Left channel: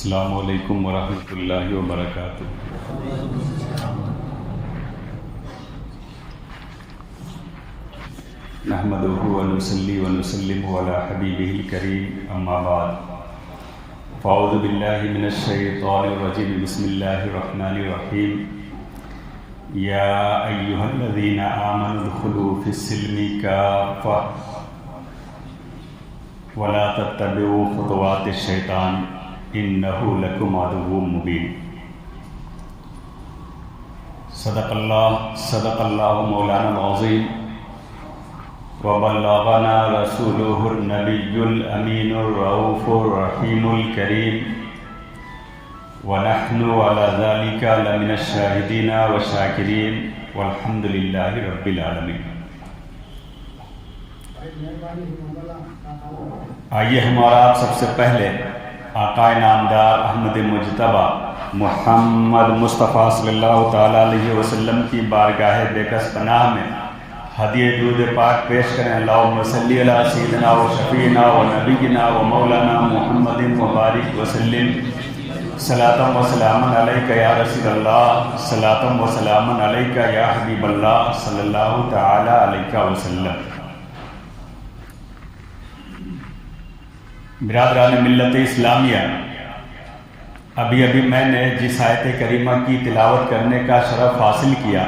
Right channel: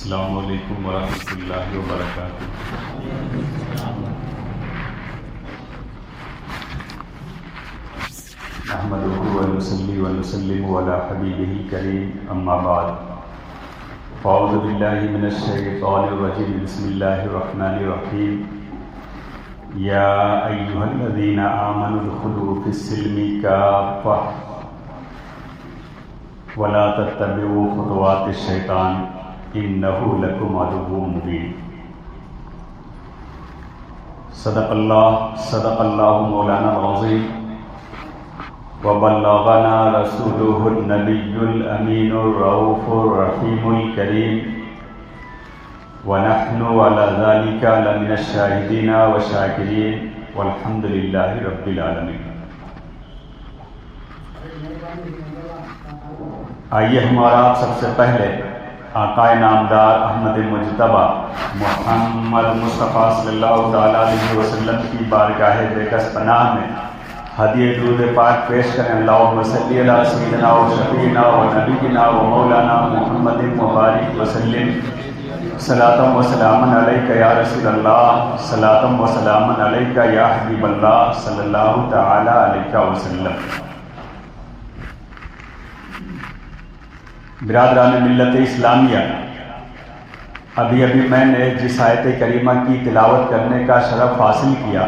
السلام علیکم ورحمۃ اللہ وبرکاتہ۔ نحمدہ ونصلی ونسلم علی حبیبہ الکریم، اما بعد فاعوذ باللہ من الشیطان الرجیم، بسم اللہ الرحمن الرحیم۔ یا ایھا الذین آمنوا ادخلوا فی السلم کافۃ ولا تتبعوا خطوات الشیطان انہ لکم عدو مبین۔ صدق اللہ مولانا العظیم وبلغنا رسولہ النبی الامین الرؤوف الرحیم الکریم، ونحن علی ذلک لمن الشاہدین والشاکرین، والحمد للہ رب العالمین۔ آئیے ہمارا آپ سب سے پہلے آقا نامدار احمد مجتبیٰ محمد مصطفیٰ صلی اللہ تعالیٰ علیہ وسلم کی بارگاہ بیکس پناہ میں ہدیہ درود پاک پیش کریں۔ اللہم صلی علی سیدنا و شفیعنا و نبینا و مولانا محمد مبارک وسلم۔ صلاۃ و سلام علیک یا رسول اللہ، صلاۃ و سلام علیک یا حبیب اللہ صلی اللہ تعالیٰ علیہ وسلم۔ برادران ملت اسلامیہ، ابھی میں نے جس آیت کریمہ کی تلاوت کرنے کا شرف حاصل کیا،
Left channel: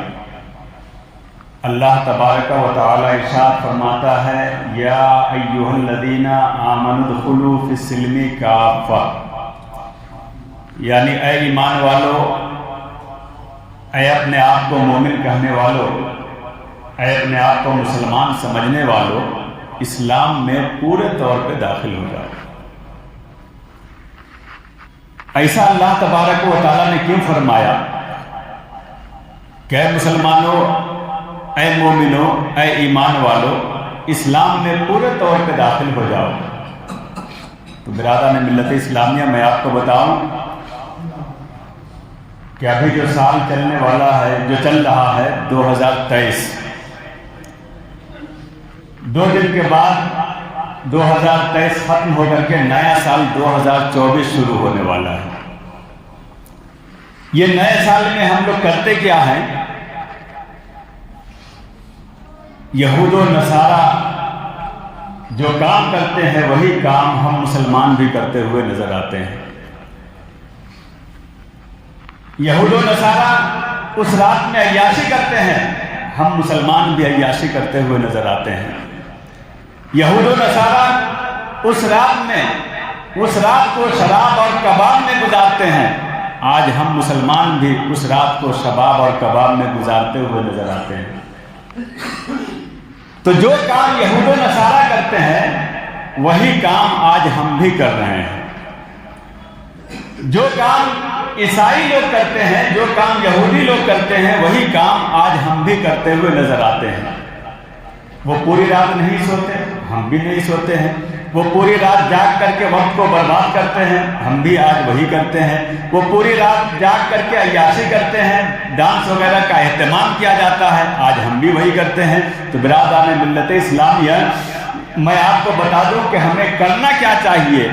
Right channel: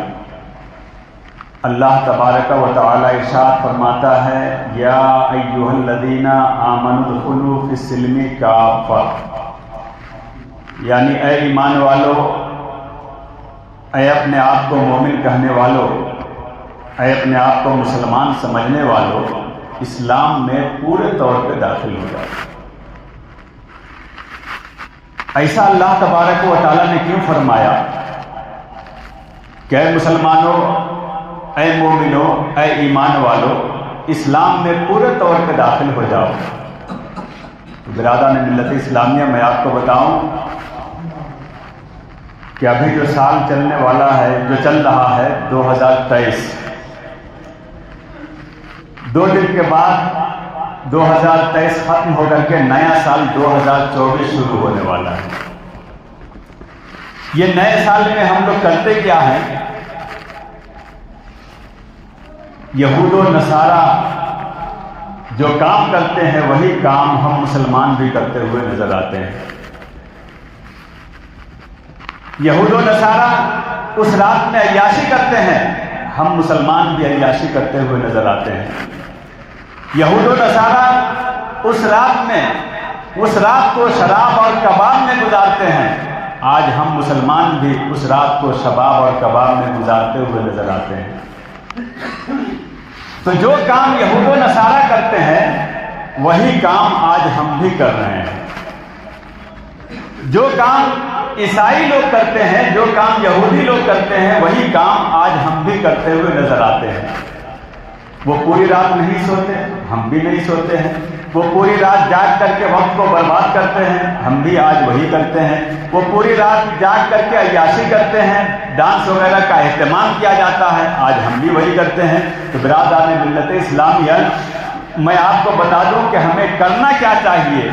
اللہ تبارک و تعالی ارشاد فرماتا ہے یا ایھا الذین آمنوا ادخلوا فی السلم کافۃ، یعنی اے ایمان والو، اے اپنے آپ کو مومن کہنے والو، اے اپنے آپ کو مسلمان سمجھنے والو، اسلام میں پورے طور پہ داخل ہو جائے۔ ایسا اللہ تبارک و تعالیٰ نے کیوں فرمایا کہ اے مسلمانوں، اے مومنوں، اے ایمان والو، اسلام میں پورے طور پہ داخل ہو جاؤ؟ تو برادران ملت اسلامیہ، میں آپ کو بتاؤں کہ ابھی جو سال چلنے والا ہے، جو چل رہا ہے 2023، 2 دن کے بعد 2023 ختم ہو کر کے نیا سال 2024 شروع ہونے والا ہے۔ یہ نئے سال میں ہم لوگ کرتے کیا ہیں؟ یہود و نصارہ جو کام کرتے ہیں وہی کام ہم مسلمان بھی کرتے ہوئے نظر آتے ہیں۔ یہود و نصارہ اس رات میں عیاشی کرتے ہیں، ہم مسلمان بھی عیاشی کرتے ہوئے نظر آتے ہیں۔ یہود و نصارہ اس رات کو شراب اور کباب میں گزارتے ہیں، آج ہم مسلمان بھی اس رات کو شراب اور کباب میں گزارتے ہوئے نظر آتے ہیں۔ تو جو کام یہود و نصارہ کرتے ہیں وہی کام آج ہم بھی کر رہے ہیں۔ جو کام عیسائی لوگ کرتے ہیں، جو کام یہودی لوگ کرتے ہیں، وہی کام آج ہم بھی کرتے ہوئے نظر آتے ہیں۔ وہ پوری رات نہیں سوتے، ہم بھی نہیں سوتے ہیں۔ وہ پوری رات جاگ کر کے وقت کو برباد کرتے ہیں، ہم بھی آج وہی کرتے ہیں۔ وہ پوری رات جاگ کر کے عیاشی کرتے ہیں، ڈانس وغیرہ کا اہتمام کیا جاتا ہے، آج ہم بھی وہی کرتے ہیں۔ تو برادران ملت اسلامیہ، میں آپ کو بتا دوں کہ ہمیں کرنا کیا چاہیے۔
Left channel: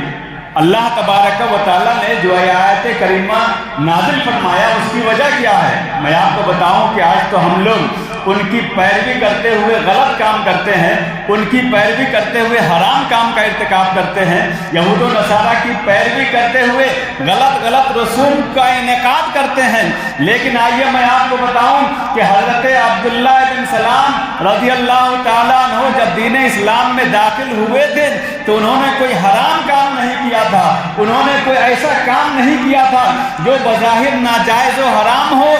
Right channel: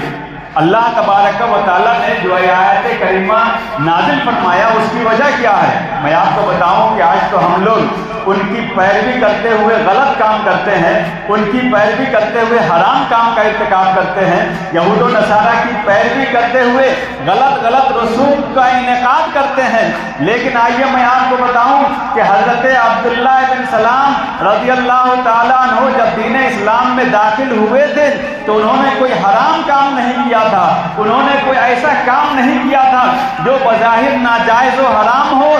اللہ تبارک و تعالیٰ نے جو آیت کریمہ نازل فرمایا اس کی وجہ کیا ہے؟ میں آپ کو بتاؤں کہ آج تو ہم لوگ ان کی پیروی کرتے ہوئے غلط کام کرتے ہیں، ان کی پیروی کرتے ہوئے حرام کام کا ارتکاب کرتے ہیں، یہود و نصارہ کی پیروی کرتے ہوئے غلط رسوم کا انعقاد کرتے ہیں۔ لیکن آئیے میں آپ کو بتاؤں کہ حضرت عبداللہ بن سلام رضی اللہ تعالیٰ عنہ جب دین اسلام میں داخل ہوئے تھے تو انہوں نے کوئی حرام کام نہیں کیا تھا، انہوں نے کوئی ایسا کام نہیں کیا تھا جو بظاہر ناجائز و حرام ہو،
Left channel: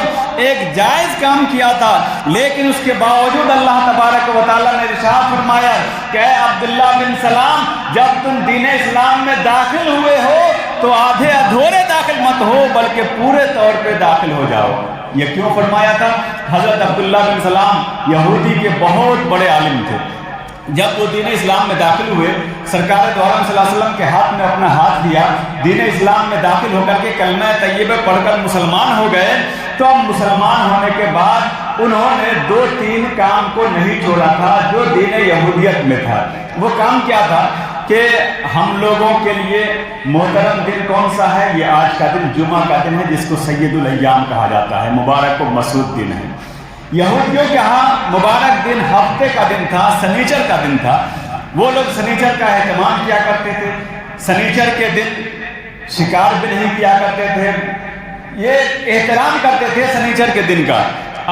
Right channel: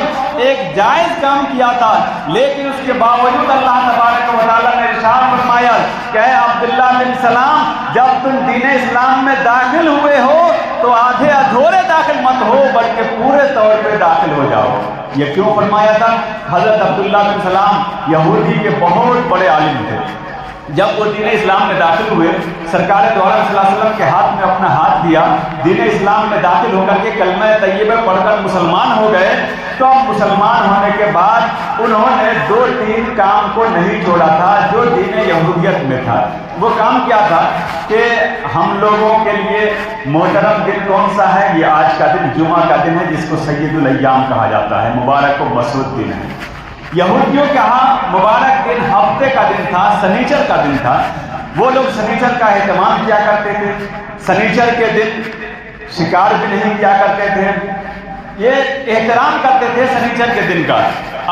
ایک جائز کام کیا تھا۔ لیکن اس کے باوجود اللہ تبارک و تعالیٰ نے ارشاد فرمایا کہ اے عبداللہ بن سلام، جب تم دین اسلام میں داخل ہوئے ہو تو آدھے ادھورے داخل مت ہو بلکہ پورے طور پہ داخل ہو جاؤ۔ یہ کیوں فرمایا تھا؟ حضرت عبداللہ بن سلام یہودی کے بہت بڑے عالم تھے۔ جب وہ دین اسلام میں داخل ہوئے، سرکار دو عالم صلی اللہ علیہ وسلم کے ہاتھ میں اپنا ہاتھ دیا، دین اسلام میں داخل ہو کر کے کلمہ طیبہ پڑھ کر مسلمان ہو گئے۔ تو مسلمان ہونے کے بعد انہوں نے 2-3 کام کو نہیں چھوڑا تھا جو دین یہودیت میں تھا۔ وہ کام کیا تھا کہ ہم لوگوں کے لیے محترم دن کون سا ہے؟ یہ آج کا دن جمعہ کا دن ہے، جس کو سید الایام کہا جاتا ہے، مبارک و مسعود دن ہے۔ یہودیوں کے ہاں مبارک دن ہفتے کا دن تھا، سنیچر کا دن تھا۔ وہ لوگ سنیچر کا اہتمام کیا کرتے تھے، سنیچر کے دن شکار بھی نہیں کیا کرتے تھے، یہ احترام کرتے تھے سنیچر کے دن کا،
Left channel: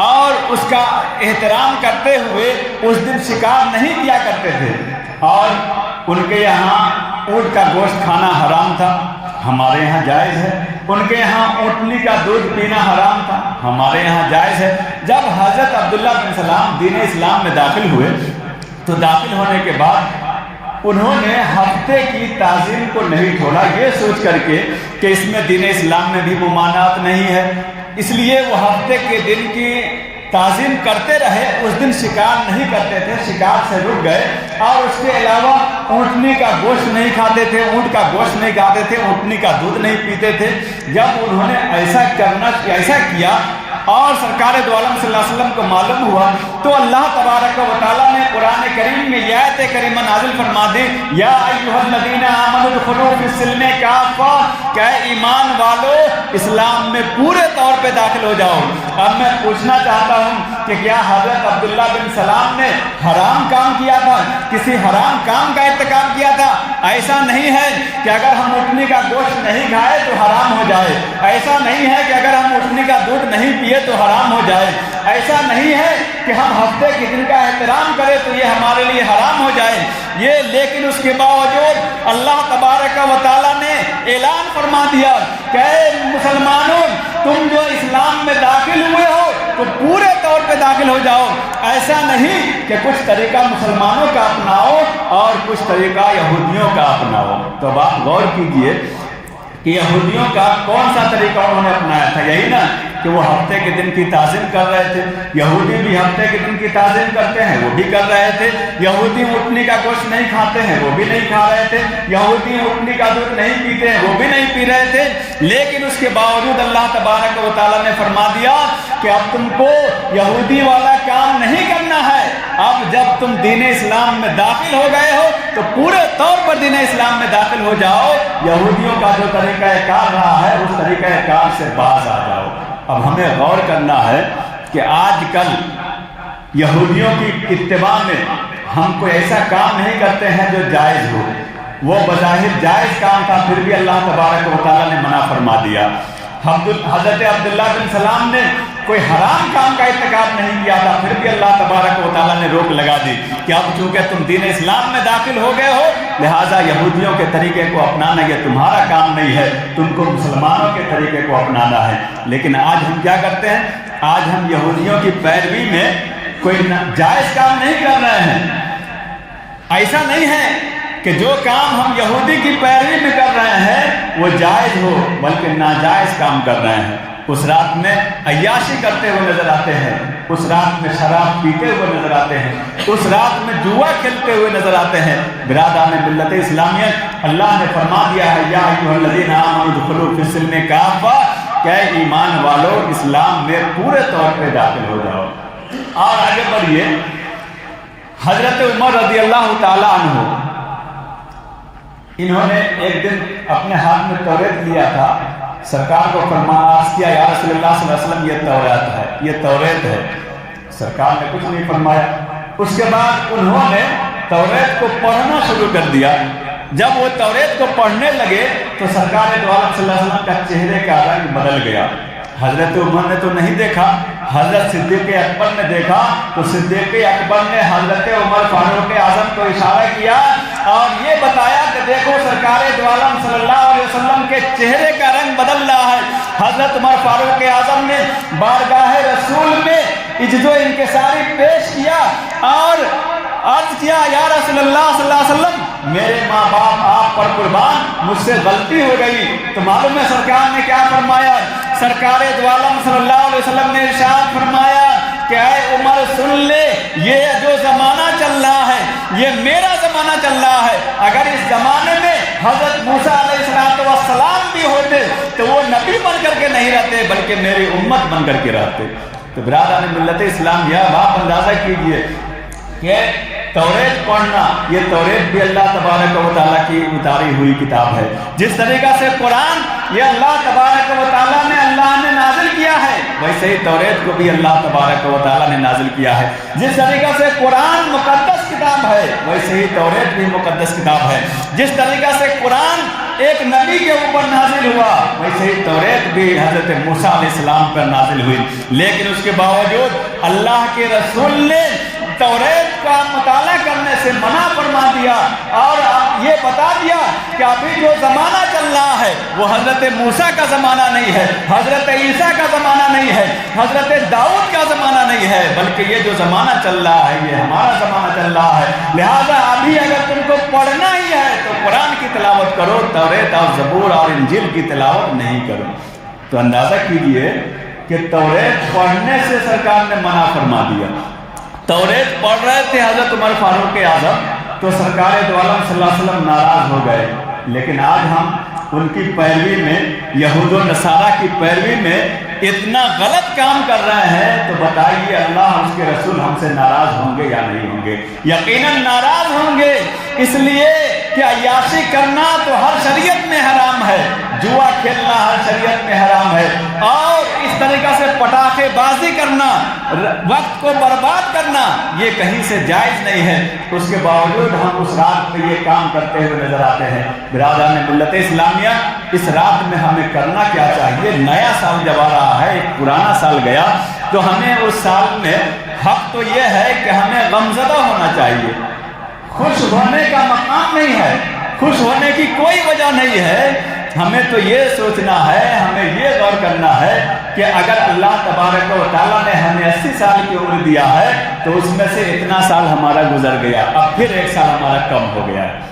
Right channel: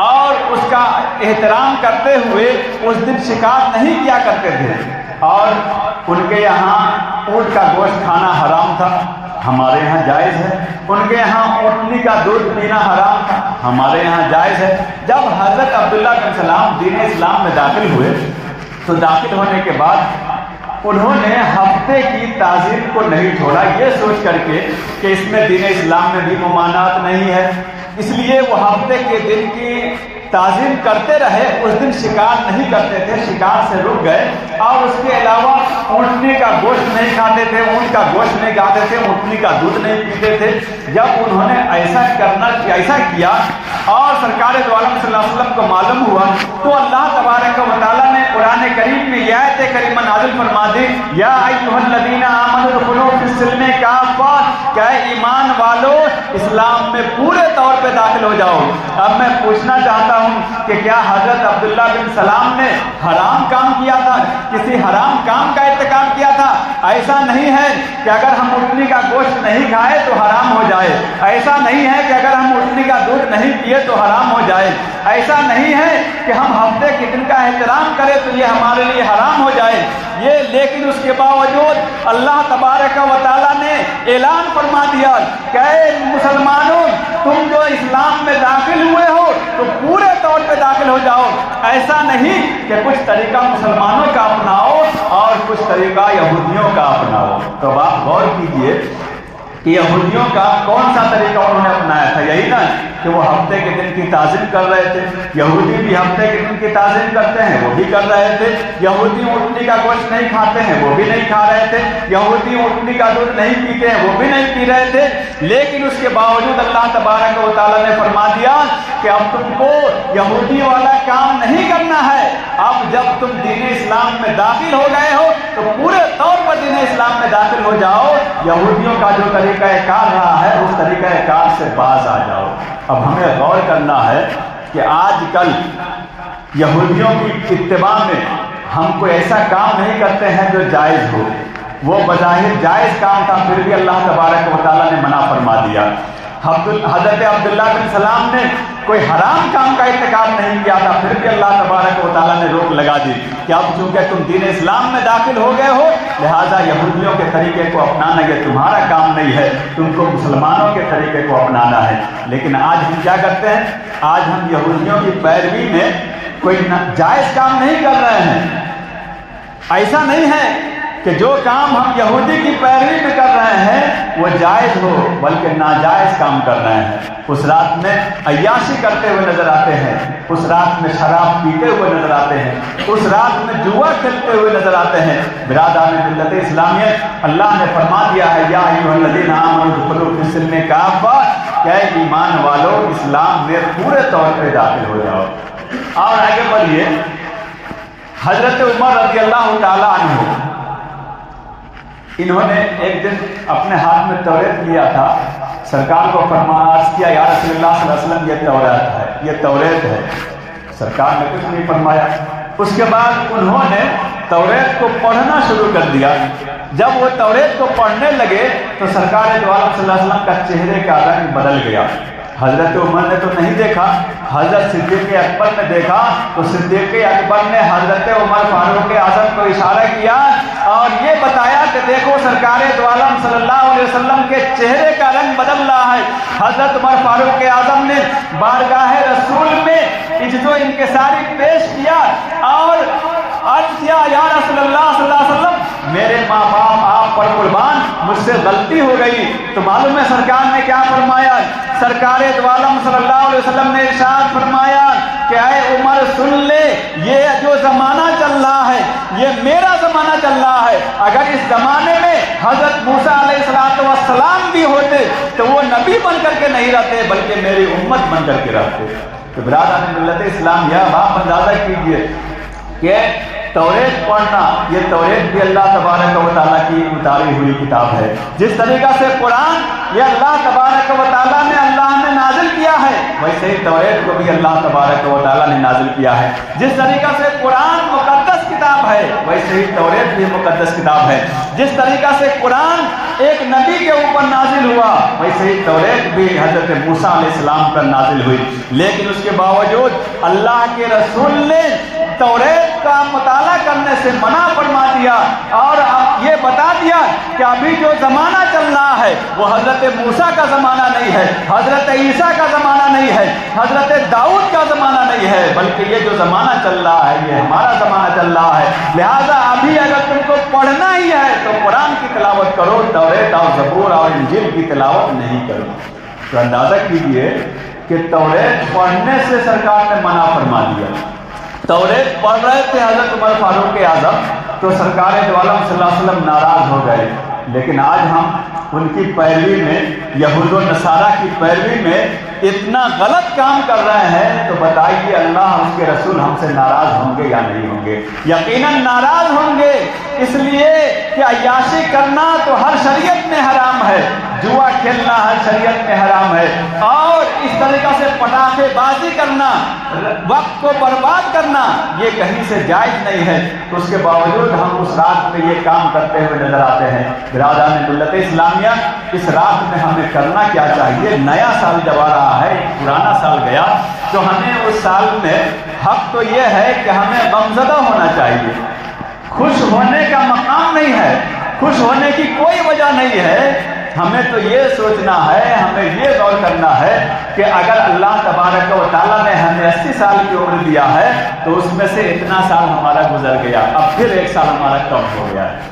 اور اس کا احترام کرتے ہوئے اس دن شکار نہیں کیا کرتے تھے، اور ان کے یہاں اونٹ کا گوشت کھانا حرام تھا، ہمارے یہاں جائز ہے۔ ان کے یہاں اونٹنی کا دودھ پینا حرام تھا، ہمارے یہاں جائز ہے۔ جب حضرت عبداللہ بن سلام دین اسلام میں داخل ہوئے تو داخل ہونے کے بعد انہوں نے ہفتے کی تعظیم کو نہیں چھوڑا، یہ سوچ کر کے کہ اس میں دین اسلام میں بھی ممانعت نہیں ہے، اس لیے وہ ہفتے کے دن کی تعظیم کرتے رہے، اس دن شکار نہیں کرتے تھے، شکار سے رک گئے، اور اس کے علاوہ اونٹنی کا گوشت نہیں کھاتے تھے، اونٹ کا گوشت نہیں کھاتے تھے، اونٹنی کا دودھ نہیں پیتے تھے۔ جب انہوں نے ایسا کیا اور سرکار دو عالم صلی اللہ علیہ وسلم کو معلوم ہوا تو اللہ تبارک و تعالیٰ نے قرآن کریم میں یہ آیت کریمہ نازل فرما دی، یا ایھا الذین آمنوا ادخلوا فی السلم کافہ، کہ ایمان والو اسلام میں پورے طور پہ داخل ہو جاؤ۔ اب میں پوچھنا چاہتا ہوں کہ کیا حضرت عبداللہ بن سلام نے حرام کام کیا تھا، کسی حرام کام کا ارتکاب کیا تھا؟ ایسا نہیں ہے کہ اگر ہم اونٹنی کا گوشت نہیں کھائے تو حرام ہو جائے، ایسا نہیں ہے کہ اگر ہم اونٹنی کا دودھ نہیں پیے تو حرام ہو جائے، ایسا نہیں ہے کہ ہم ہفتے کے دن کا احترام کریں تو یہ ہمارے لیے حرام ہو جائے۔ یہ لیکن اس کے باوجود اللہ تبارک و تعالیٰ نے اعلان فرما دیا کہ اے مسلمانوں، تم جو اسلام میں داخل ہوئے ہو تو پورے طور پہ داخل ہو جاؤ۔ ایسا نہیں کہ کچھ طریقہ مسلمانوں کا اپناؤ اور کچھ طریقہ یہودیوں کا اپناؤ۔ تو آپ غور کیجئے کہ یہودیوں کا کون سا طریقہ انہوں نے اپنایا تھا؟ یہی نا کہ وہ ہفتے کے دن کی تعظیم کر رہے تھے، یہودی بھی ہفتے کے دن کی تعظیم کرتے ہیں، وہ بھی کر رہے تھے۔ یہودی اونٹنی کا گوشت نہیں کھاتے ہیں، وہ بھی نہیں کھا رہے تھے۔ یہودی اونٹنی کا دودھ نہیں پیتے ہیں، وہ بھی نہیں پی رہے تھے۔ لیکن اس کے باوجود اللہ تبارک و تعالیٰ نے فرما دیا کہ اب تم کو یہودی والا کام نہیں کرنا ہے، اب جب تم دین اسلام میں داخل ہو گئے ہو تو پورے طور پر دین اسلام میں داخل ہو جاؤ، یہودیوں کا جو طریقہ کار رہا ہے اس طریقہ کار سے باز آ جاؤ۔ اب ہمیں غور کرنا ہے کہ آج کل یہودیوں کی اتباع میں ہم کوئی ایسا کام نہیں کرتے ہیں جو جائز ہو، وہ بظاہر جائز کام تھا پھر بھی اللہ تبارک و تعالیٰ نے منع فرما دیا۔ حضرت عبداللہ بن سلام نے کوئی حرام کام کا ارتکاب نہیں کیا تھا، پھر بھی اللہ تبارک و تعالیٰ نے روک لگا دی کہ اب چونکہ تم دین اسلام میں داخل ہو گئے ہو لہٰذا یہودیوں کے طریقے کو اپنانا یہ تمہارا کام نہیں ہے، تم کو مسلمانوں کے طریقے کو اپنانا ہے۔ لیکن آج ہم کیا کرتے ہیں؟ آج ہم یہودیوں کی پیروی میں کوئی جائز کام نہیں کر رہے ہیں۔ ایسا نہیں ہے کہ جو کام ہم یہودی کی پیروی میں کر رہے ہیں وہ جائز ہو، بلکہ ناجائز کام کر رہے ہیں۔ اس رات میں عیاشی کرتے ہوئے نظر آتے ہیں، اس رات میں شراب پیتے ہوئے نظر آتے ہیں، اس رات میں جوا کھیلتے ہوئے نظر آتے ہیں۔ برادران ملت اسلامیہ، اللہ نے فرما دیا ہے یا ایھا الذین آمنوا ادخلوا فی السلم کافہ، کہ ایمان والو اسلام میں پورے طور پہ داخل ہو جاؤ۔ اور آگے بڑھیے، حضرت عمر رضی اللہ تعالیٰ عنہ انہوں نے ایک دن اپنے ہاتھ میں توریت لیا تھا، سرکار کو فرمایا کیا یا رسول اللہ صلی اللہ علیہ وسلم یہ توریت ہے، یہ توریت ہے۔ سرکار نے کچھ نہیں فرمایا۔ اس کے بعد انہوں نے توریت کو پڑھنا شروع کر دیا۔ جب وہ توریت کو پڑھنے لگے تو سرکار دو عالم صلی اللہ علیہ وسلم کا چہرے کا رنگ بدل گیا۔ حضرت عمر نے تو نہیں دیکھا، حضرت صدیق اکبر نے دیکھا تو صدیق اکبر نے حضرت عمر فاروق اعظم کو اشارہ کیا اور یہ بتایا کہ دیکھو سرکار دو عالم صلی اللہ علیہ وسلم کے چہرے کا رنگ بدل رہا ہے۔ حضرت عمر فاروق اعظم نے بارگاہ رسول میں عجز و انکساری پیش کیا اور عرض کیا یا رسول اللہ صلی اللہ علیہ وسلم میرے ماں باپ آپ پر قربان، مجھ سے غلطی ہو گئی۔ تو معلوم ہے سرکار نے کیا فرمایا؟ سرکار دو عالم صلی اللہ علیہ وسلم نے ارشاد فرمایا کہ اے عمر سن لے، یہ جو زمانہ چل رہا ہے یہ میرا زمانہ چل رہا ہے۔ اگر اس زمانے میں حضرت موسیٰ علیہ السلام بھی ہوتے تو وہ نبی بن کر کے نہیں رہتے بلکہ میری امت بن کر کے رہتے۔ تو برادران ملت اسلام، یا آپ اندازہ کیجئے کہ तौरेत पढ़ना, ये तौरेत भी अल्लाह तबारक व तआला की उतारी हुई किताब है। जिस तरीका से कुरान ये अल्लाह तबारक व तआला ने नाजिल किया है, वैसे ही तौरेत को भी अल्लाह तबारक व तआला ने नाजिल किया है। जिस तरीका से कुरान मुकद्दस किताब है, वैसे ही तौरेत भी मुकद्दस किताब है। जिस तरीका से कुरान एक नबी के ऊपर नाजिल हुआ, वैसे ही तौरेत भी हजरत मूसा अलैहिस्सलाम पर नाजिल हुई। लेकिन उसके बावजूद अल्लाह के रसूल ने तौरेत का मुताला करने से मना फरमा दिया और ये बता दिया कि अभी जो ज़माना चल रहा है वो हजरत मूसा का ज़माना नहीं है, हजरत ईसा का ज़माना नहीं है, हजरत दाऊद का ज़माना नहीं है, बल्कि ये जो ज़माना चल रहा है ये हमारा ज़माना चल रहा है। लिहाजा अभी अगर तुमको पढ़ना ही है तो कुरान की तिलावत करो, तौरेत और ज़बूर और इंजील की तिलावत नहीं करो। तो अंदाज़ा कीजिए कि तौरेत पढ़ने से सरकार ने मना फरमा दिया। तौरेत पढ़ रहे थे हजरत उमर फारूक आज़म, तो सरकार दो आलम सल्लल्लाहु अलैहि वसल्लम नाराज हो गए। लेकिन आज हम उनकी पैरवी में, यहूद व नसारा की पैरवी में इतना गलत काम कर रहे हैं, तो बताइए अल्लाह उसके रसूल हमसे नाराज होंगे या नहीं होंगे? यकीनन नाराज होंगे, इसलिए कि अय्याशी करना तो हर शरीयत में हराम है, जुआ खेलना हर शरीयत में हराम है, और इस तरीका से पटाखेबाजी करना, वक्त को बर्बाद करना, ये कहीं से जायज नहीं है। उसके बावजूद हम उस रात में ये काम करते हुए नजर आते हैं। बिरादरान मिल्लत इस्लामिया, इस रात में हमें करना क्या चाहिए? नया साल जब आ रहा है, पुराना साल गया, तो हमें उस साल में हक तो ये है कि हमें गमज़दा होना चाहिए। खुश होने का मकाम नहीं है, खुश होने की कोई वजह नहीं है। हमें तो ये सोचना है, हमें ये गौर करना है कि अगर अल्लाह तबारक व तआला ने हमें 80 साल की उम्र दिया है, तो उसमें से इतना साल हमारा गुजर गया, अब फिर एक साल हमारा कम हो गया है।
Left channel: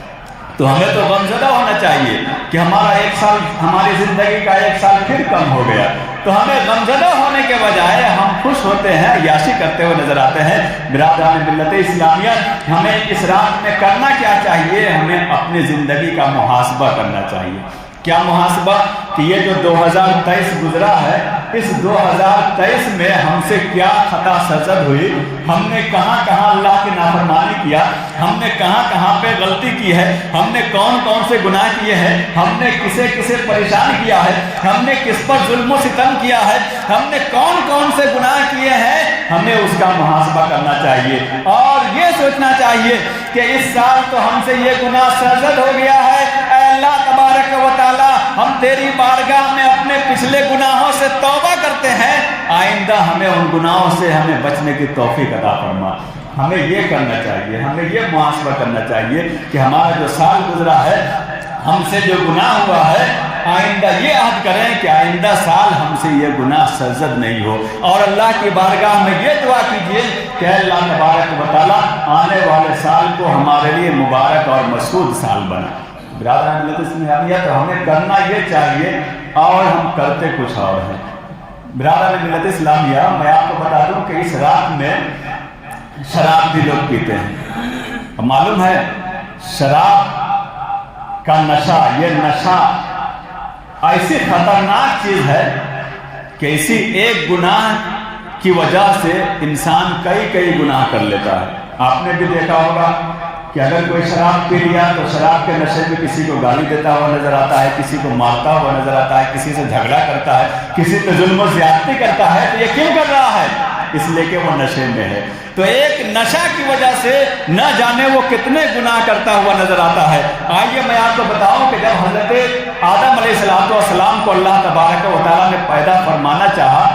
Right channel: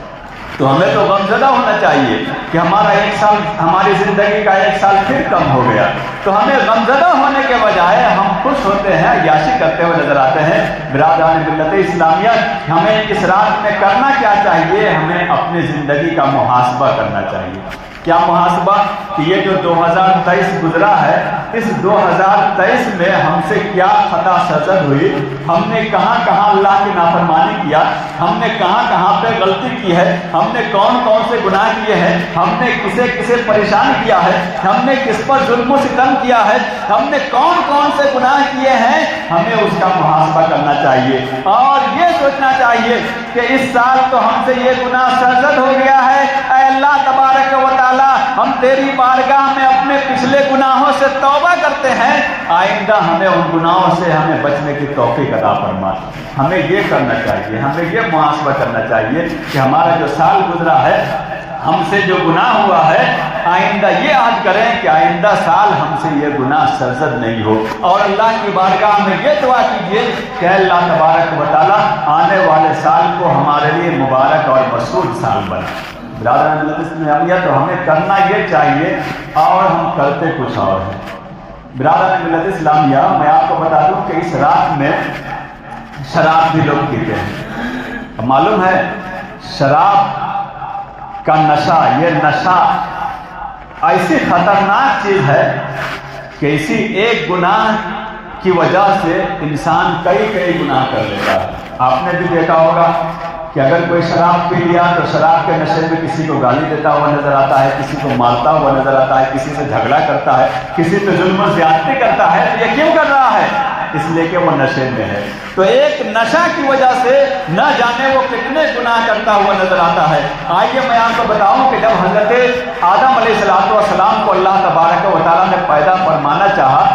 तो हमें तो गमज़दा होना चाहिए कि हमारा एक साल, हमारी ज़िंदगी का एक साल फिर कम हो गया। तो हमें गमज़दा होने के बजाय हम खुश होते हैं, अय्याशी करते हुए नजर आते हैं। बिरादरान मिल्लत इस्लामिया, हमें इस रात में करना क्या चाहिए? हमें अपनी ज़िंदगी का मुहासबा करना चाहिए। क्या मुहासबा? कि ये जो 2023 गुजरा है, इस 2023 में हमसे क्या खता सरजद हुई, हमने कहाँ कहाँ अल्लाह की नाफरमानी किया, हमने कहाँ कहाँ पे गलती की है, हमने कौन कौन से गुनाह किए हैं, हमने किसे किसे परेशान किया है, हमने किस पर जुल्म सितम किया है, हमने कौन कौन से गुनाह किए हैं, हमें उसका मुहासबा करना चाहिए। और ये सोचना चाहिए कि इस साल तो हमसे ये गुनाह सरजद हो गया है, अल्लाह तबारक व तआला हम तेरी बारगाह में अपने पिछले गुनाहों से तौबा करते हैं, आइंदा हमें उन गुनाहों से हमें बचने की तौफीक अता फरमा। हमें ये करना चाहिए, हमें ये मुहासबा करना चाहिए कि हमारा जो साल गुजरा है, हमसे जो गुनाह हुआ है, आइंदा ये याद करें कि आइंदा साल हमसे ये गुनाह सरजद नहीं हो। और अल्लाह की बारगाह में ये दुआ कीजिए कि अल्लाह तबारक व तआला आने वाले साल को हमारे लिए मुबारक और मसूद साल बना। बिरादरान मिल्लत इस्लामिया, तो हमें करना ये चाहिए और हम करते कुछ और हैं। बिरादरान मिल्लत इस्लामिया, मैं आपको बता दूं कि इस रात में शराब भी लोग पीते हैं। तो मालूम है शराब का नशा, ये नशा ऐसी खतरनाक चीज है कि इसी एक गुनाह की वजह से इंसान कई कई गुनाह कर लेता है। आपने भी देखा होगा कि अगर कोई शराब पी लिया तो शराब के नशे में किसी को गाली देता हुआ नजर आता है, किसी को मारता हुआ नजर आता है, किसी से झगड़ा करता है, किसी पे जुल्म ज्यादती करता है। तो ये क्यों कर रहा है? इसलिए कि वो नशे में है। तो एक नशा की वजह से न जाने वो कितने गुनाह करता हुआ नजर आता है। आइए मैं आपको बताऊं कि जब हजरत आदम अलैहिस्सलाम को अल्लाह तबारक व तआला ने पैदा फरमाना चाहा,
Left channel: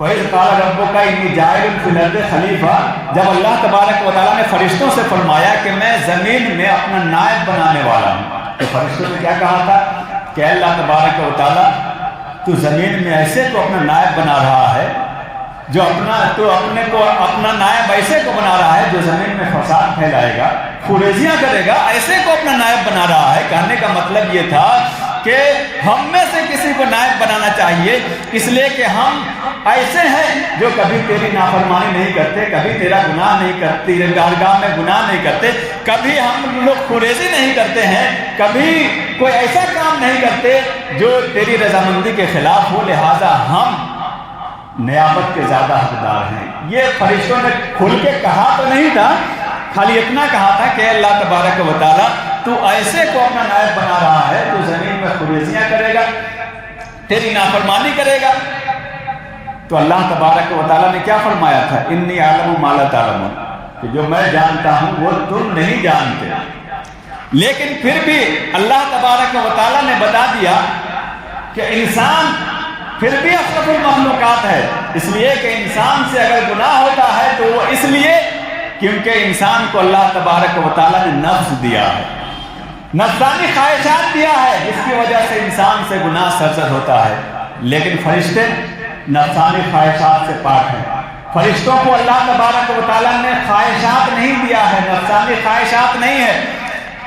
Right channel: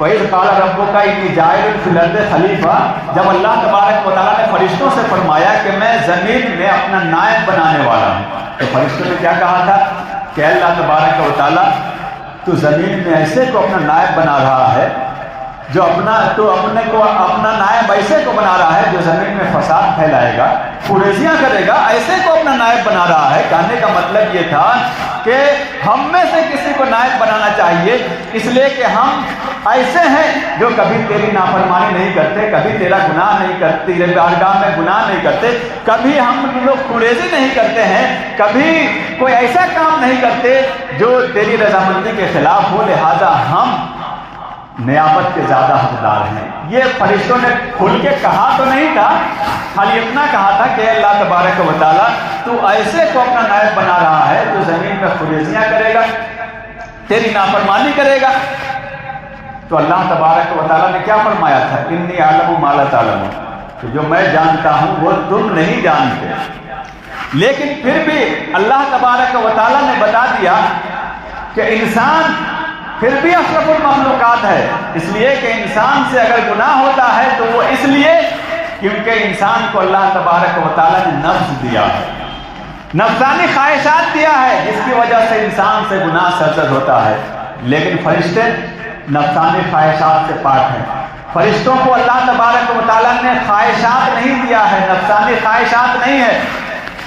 पहले काल रब्बो का इन्नी जाइल फिल अर्द खलीफा, जब अल्लाह तबारक व तआला ने फरिश्तों से फरमाया कि मैं जमीन में अपना नायब बनाने वाला हूँ, तो फरिश्तों ने क्या कहा था कि अल्लाह तबारक व तआला तू जमीन में ऐसे को अपना नायब बना रहा है, जो अपना नायब ऐसे को बना रहा है जो जमीन में फसाद फैलाएगा, कुरेजियां करेगा, ऐसे को अपना नायब बना रहा है। कहने का मतलब ये था कि हम में से किसी को नायब बनाना चाहिए, इसलिए कि हम ऐसे हैं जो कभी तेरी नाफरमानी नहीं करते, कभी तेरा गुनाह नहीं करते, तेरे बारगाह में गुनाह नहीं करते, कभी हम लोग कुरेजी नहीं करते हैं, कभी कोई ऐसा काम नहीं करते जो तेरी रजामंदी के खिलाफ हो। लिहाजा हम नियामत के ज़्यादा हकदार हैं। ये फरिश्तों ने खुल के कहा तो नहीं था, खाली इतना कहा था कि अल्लाह तबारक व तआला तू ऐसे को अपना नायब बना रहा है, तू ज़मीन में खुरेजियाँ करेगा, तेरी नाफरमानी करेगा। तो अल्लाह तबारक व तआला ने क्या फरमाया था, इन्नी आलमु मा ला तालमून, कि जो मैं जानता हूँ वो तुम नहीं जानते। लेकिन फिर भी अल्लाह तबारक व तआला ने बता दिया कि इंसान फिर भी अशरफुल मखलूकात है, इसलिए कि इंसान से अगर गुनाह होता है तो वो इसलिए क्योंकि इंसान को अल्लाह तबारक व तआला ने नफ्स दिया है, नफ्सानी ख्वाहिशात दिया है, जिसकी वजह से इंसान से गुनाह सरजद होता है। लेकिन फरिश्ते नफ्सानी ख्वाहिशात से पाक हैं। फरिश्तों को अल्लाह तबारक व तआला ने ख्वाहिशात नहीं दिया है, नफ्सानी ख्वाहिशात नहीं है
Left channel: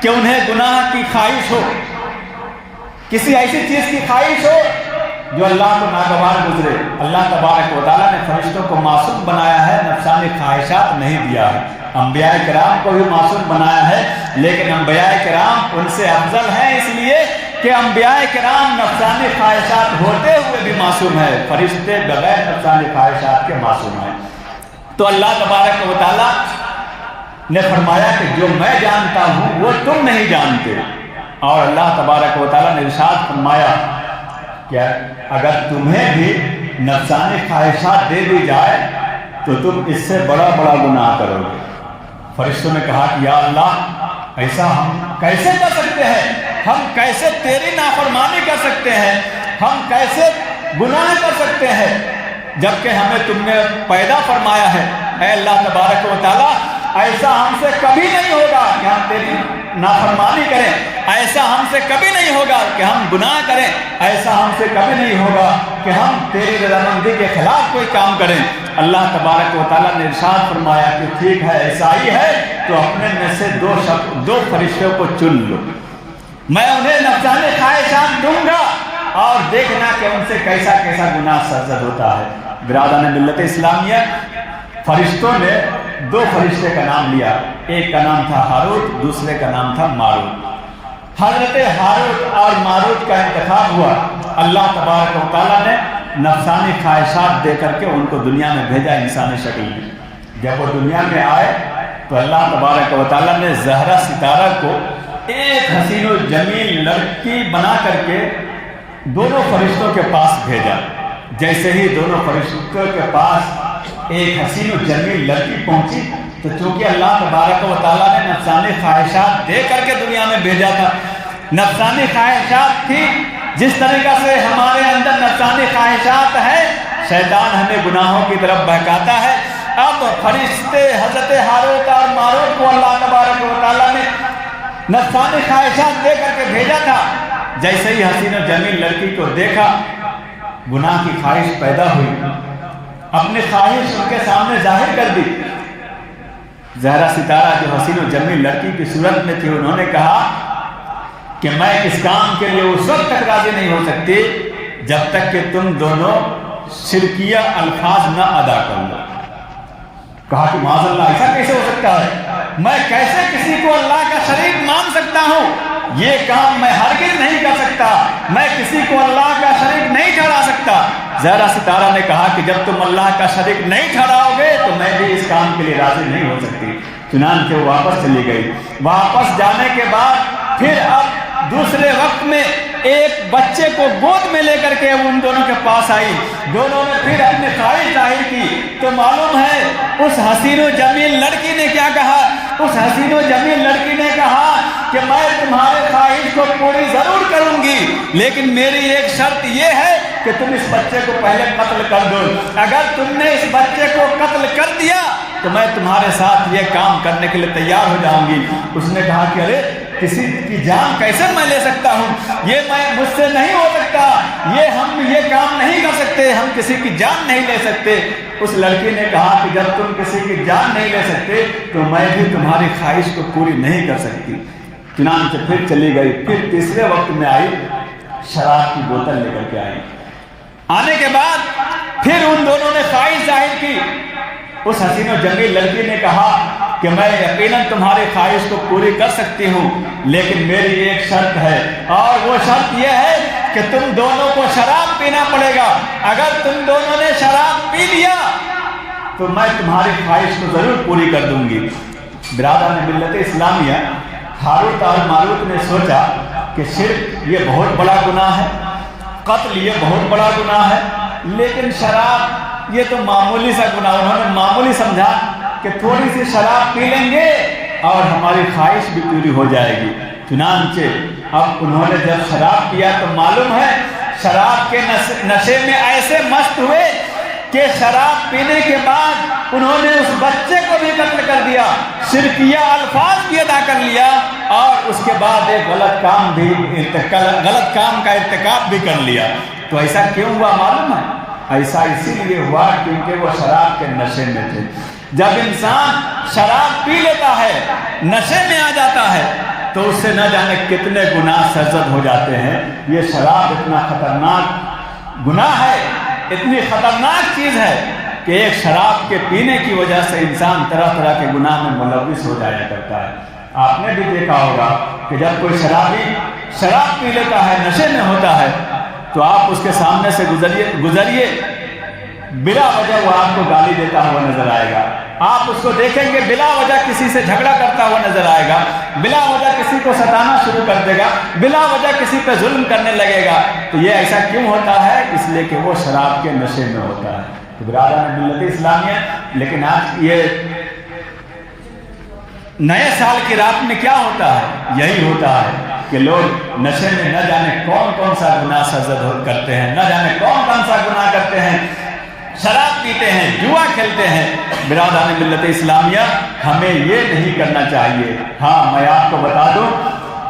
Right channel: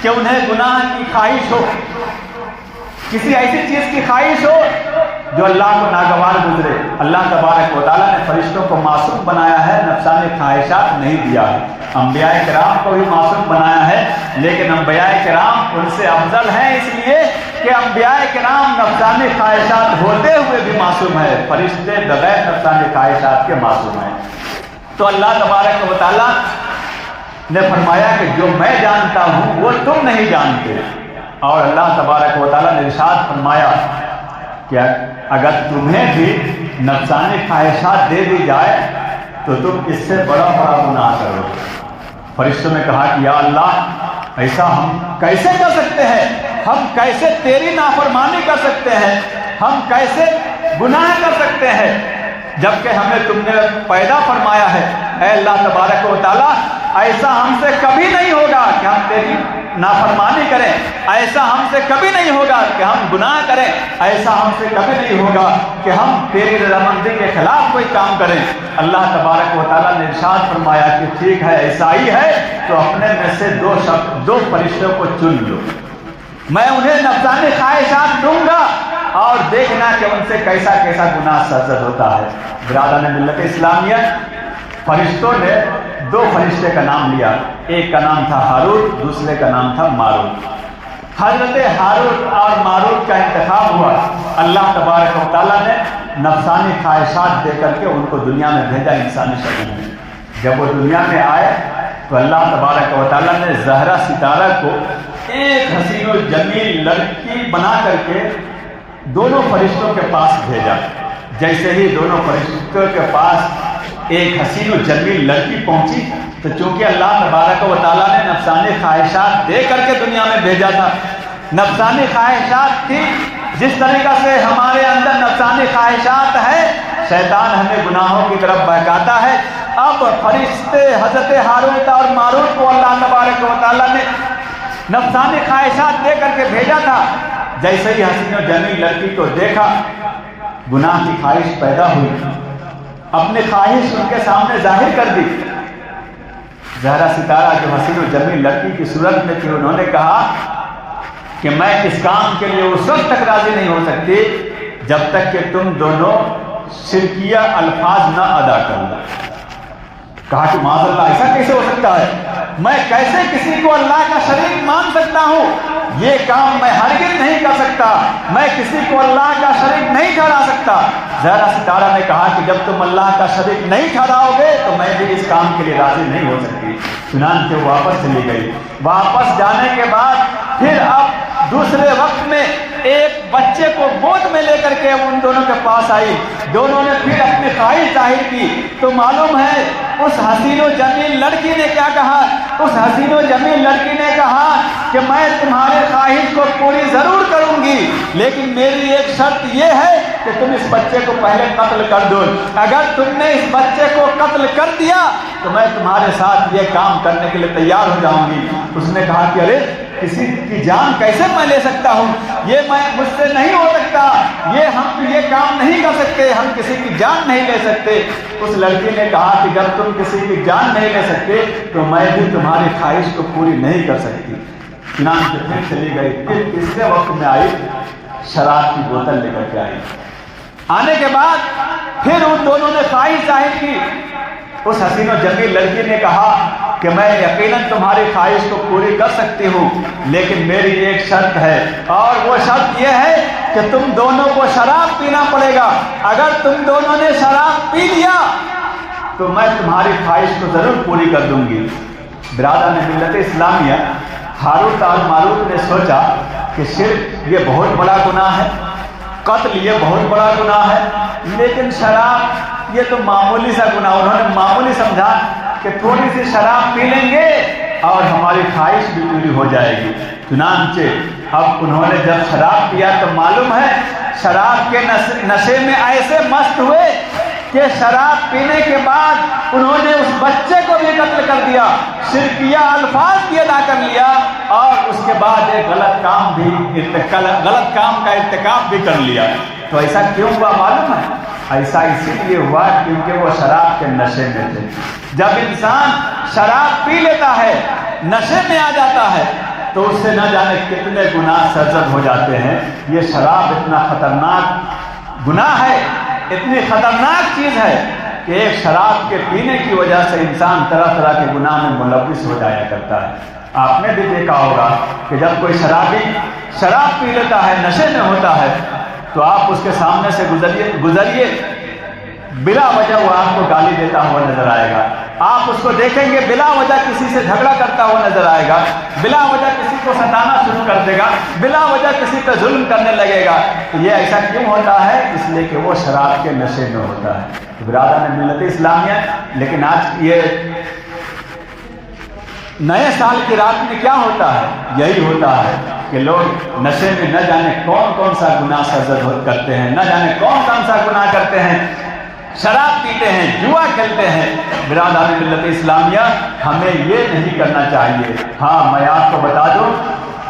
कि उन्हें गुनाह की ख्वाहिश हो, किसी ऐसी चीज़ की ख्वाहिश हो जो अल्लाह को नागवार गुजरे। अल्लाह तबारक व तआला ने फरिश्तों को मासूम बनाया है, नफ्सानी ख्वाहिशात नहीं दिया है। अंबिया किराम को भी मासूम बनाया है, लेकिन अंबिया किराम उनसे अफजल हैं इसलिए कि अंबिया किराम नफ्सानी ख्वाहिशात होते हुए भी मासूम है, फरिश्ते बगैर नफ्सानी ख्वाहिशात के मासूम हैं। तो अल्लाह तबारक व तआला ने फरमाया कि जो मैं जानता हूँ वो तुम नहीं जानते। और अल्लाह तबारक व तआला ने इरशाद फरमाया क्या अगर तुम्हें भी नफ्सानी ख्वाहिशात दे दी जाए तो तुम इससे बड़ा बड़ा गुनाह करोगे। फरिश्तों ने कहा कि या अल्लाह ऐसा हम कैसे कर सकते हैं, हम कैसे तेरी नाफरमानी कर सकते हैं, हम कैसे गुनाह कर सकते हैं, जबकि हमें तुमने पैदा फरमाया है। ऐ अल्लाह तबारक व तआला ऐसा हमसे कभी नहीं होगा कि हम तेरी नाफरमानी करें, ऐसा हमसे कभी नहीं होगा कि हम गुनाह करें, ऐसा हमसे कभी नहीं होगा कि हम तेरी रज़ामंदी के खिलाफ कोई काम करें। अल्लाह तबारक व तआला ने इरशाद फरमाया कि ठीक है, ऐसा ही है तो अपने में से दो फरिश्तों को चुन लो, मैं उन्हें नफ्सानी ख्वाहिशात दूंगा और देखना कि उनसे कैसा कैसा गुनाह सरजद होता है। बिरादरान मिल्लत इस्लामिया, फरिश्तों ने दो फरिश्ते का नाम लिया, एक का नाम था हारूत, दूसरे का नाम था मारूत। हज़रत हारूत और मारूत का इंतखाब हुआ, अल्लाह तबारक व तआला ने नफ्सानी ख्वाहिशात दे करके उनको दुनिया में भेजा इंसानी शक्ल में। जब वो दुनिया में आए तो अल्लाह तबारक व तआला ने ज़हरा सितारा को एक हसीन और जमील लड़की बना करके दोनों फरिश्तों के पास भेजा। जैसे ही दोनों फरिश्तों के पास एक हसीन और जमील लड़की पहुंची तो चूंकि अल्लाह तबारक व तआला ने नफ्सानी ख्वाहिशात दे करके दुनिया में भेजा था, नफ्सानी ख्वाहिशात थी जिस तरीका से हमारे अंदर नफ्सानी ख्वाहिशात है, शैतान हमें गुनाहों की तरफ बहकाता है। अब फरिश्ते हज़रत हारूत और मारूत को अल्लाह तबारक व तआला ने नफ्सानी ख्वाहिशात दे करके भेजा था। जैसे ही हसीन और जमील लड़की को देखा, गुनाह की ख्वाहिश पैदा हुई, अपनी ख्वाहिश उनके सामने जाहिर कर दी। ज़हरा सितारा जो हसीन और जमील लड़की की सूरत में थी, उन्होंने कहा कि मैं इस काम के लिए उस वक्त तक राजी नहीं हो सकती जब तक कि तुम दोनों शिरकिया अल्फाज न अदा करो। कहा कि माज़अल्लाह ऐसा कैसे हो सकता है, मैं कैसे किसी को अल्लाह का शरीक मान सकता हूँ, ये काम मैं हरगिज़ नहीं कर सकता, मैं किसी को अल्लाह का शरीक नहीं ठहरा सकता। ज़हरा सितारा ने कहा कि जब तुम अल्लाह का शरीक नहीं ठहराओगे तो मैं भी इस काम के लिए राजी नहीं हो सकती। चुनांचे वापस चली गई। वापस जाने के बाद फिर अब दूसरे वक्त में एक बच्चे को गोद में लेकर के उन दोनों के पास आई। दोनों ने फिर अपनी ख्वाहिश जाहिर की तो मालूम है उस हसीन और जमील लड़की ने क्या कहा, उस हसीन और जमील लड़की ने कहा कि मैं तुम्हारे ख्वाहिश को पूरी जरूर करूंगी, लेकिन मेरी एक शर्त यह है कि तुम इस बच्चे को पहले कत्ल कर दो। अगर तुमने इस बच्चे को कत्ल कर दिया तो मैं तुम्हारे साथ ये काम करने के लिए तैयार हो जाऊंगी। उसने कहा कि अरे किसी की जान कैसे मैं ले सकता हूँ, ये मैं मुझसे नहीं हो सकता, हम ये काम नहीं कर सकते, हम किसी की जान नहीं ले सकते। उस लड़की ने कहा कि जब तुम किसी की जान नहीं ले सकते तो मैं भी तुम्हारी ख्वाहिश को पूरी नहीं कर सकती। चुनांचे फिर चली गई। फिर तीसरे वक्त में आई, शराब की बोतल लेकर के आई। आने के बाद फिर उन दोनों ने ख्वाहिश जाहिर की। उस हसीन और जमील लड़की ने कहा कि मैं यकीनन तुम्हारी ख्वाहिश को पूरी कर सकती हूँ, लेकिन मेरी एक शर्त है, और वो शर्त यह है کہ تم دونوں کو شراب پینا پڑے گا، اگر تم دونوں نے شراب پی لیا تو میں تمہاری خواہش کو ضرور پوری کر دوں گی۔ برادران ملت اسلامیہ، ہاروت اور ماروت نے سوچا کہ شرک یہ بہت بڑا گناہ ہے، قتل یہ بہت بڑا گناہ ہے، لیکن شراب یہ تو معمولی سا گناہ، انہوں نے معمولی سمجھا کہ تھوڑی سی شراب پی لیں گے اور ہماری خواہش بھی پوری ہو جائے گی۔ چنانچہ اب انہوں نے جب شراب پیا تو معلوم ہے شراب کے نشے میں ایسے مست ہوئے کہ شراب پینے کے بعد انہوں نے اس بچے کو بھی قتل کر دیا، شرکیہ الفاظ بھی ادا کر لیا، اور اس کے بعد ایک غلط کام کا ارتکاب بھی کر لیا۔ تو ایسا کیوں ہوا معلوم ہے؟ ایسا اسی لیے ہوا کیونکہ وہ شراب کے نشے میں تھے۔ جب انسان شراب پی لیتا ہے، نشے میں آ جاتا ہے، تو اس سے نہ جانے کتنے گناہ سرزد ہو جاتے ہیں۔ یہ شراب اتنا خطرناک گناہ ہے، اتنی خطرناک چیز ہے کہ ایک شراب کے پینے کی وجہ سے انسان طرح طرح کے گناہ میں ملوث ہو جایا کرتا ہے۔ آپ نے بھی دیکھا ہوگا کہ جب کوئی شرابی شراب پی لیتا ہے، نشے میں ہوتا ہے، تو آپ اس کے سامنے سے گزریے، بلا وجہ وہ آپ کو گالی دیتا ہوا نظر آئے گا۔ آپ اس کو دیکھیں گے بلا وجہ کسی سے جھگڑا کرتا ہوا نظر آئے گا، بلا وجہ کسی کو ستانا شروع کر دے گا، بلا وجہ کسی پہ ظلم کرنے لگے گا۔ تو یہ ایسا کیوں ہوتا ہے؟ اس لیے کہ وہ شراب کے نشے میں ہوتا ہے۔ برادران ملت اسلامیہ، لیکن آج یہ نئے سال کی رات میں کیا ہوتا ہے؟ یہی ہوتا ہے کہ لوگ نشے میں نہ جانے کون سا گناہ سرزد کرتے ہیں، نہ جانے کون سا گناہ کرتے ہیں، شراب پیتے ہیں، جوا کھیلتے ہیں۔ برادران ملت اسلامیہ، ہمیں یہ نہیں کرنا چاہیے۔ ہاں، میں آپ کو بتا دوں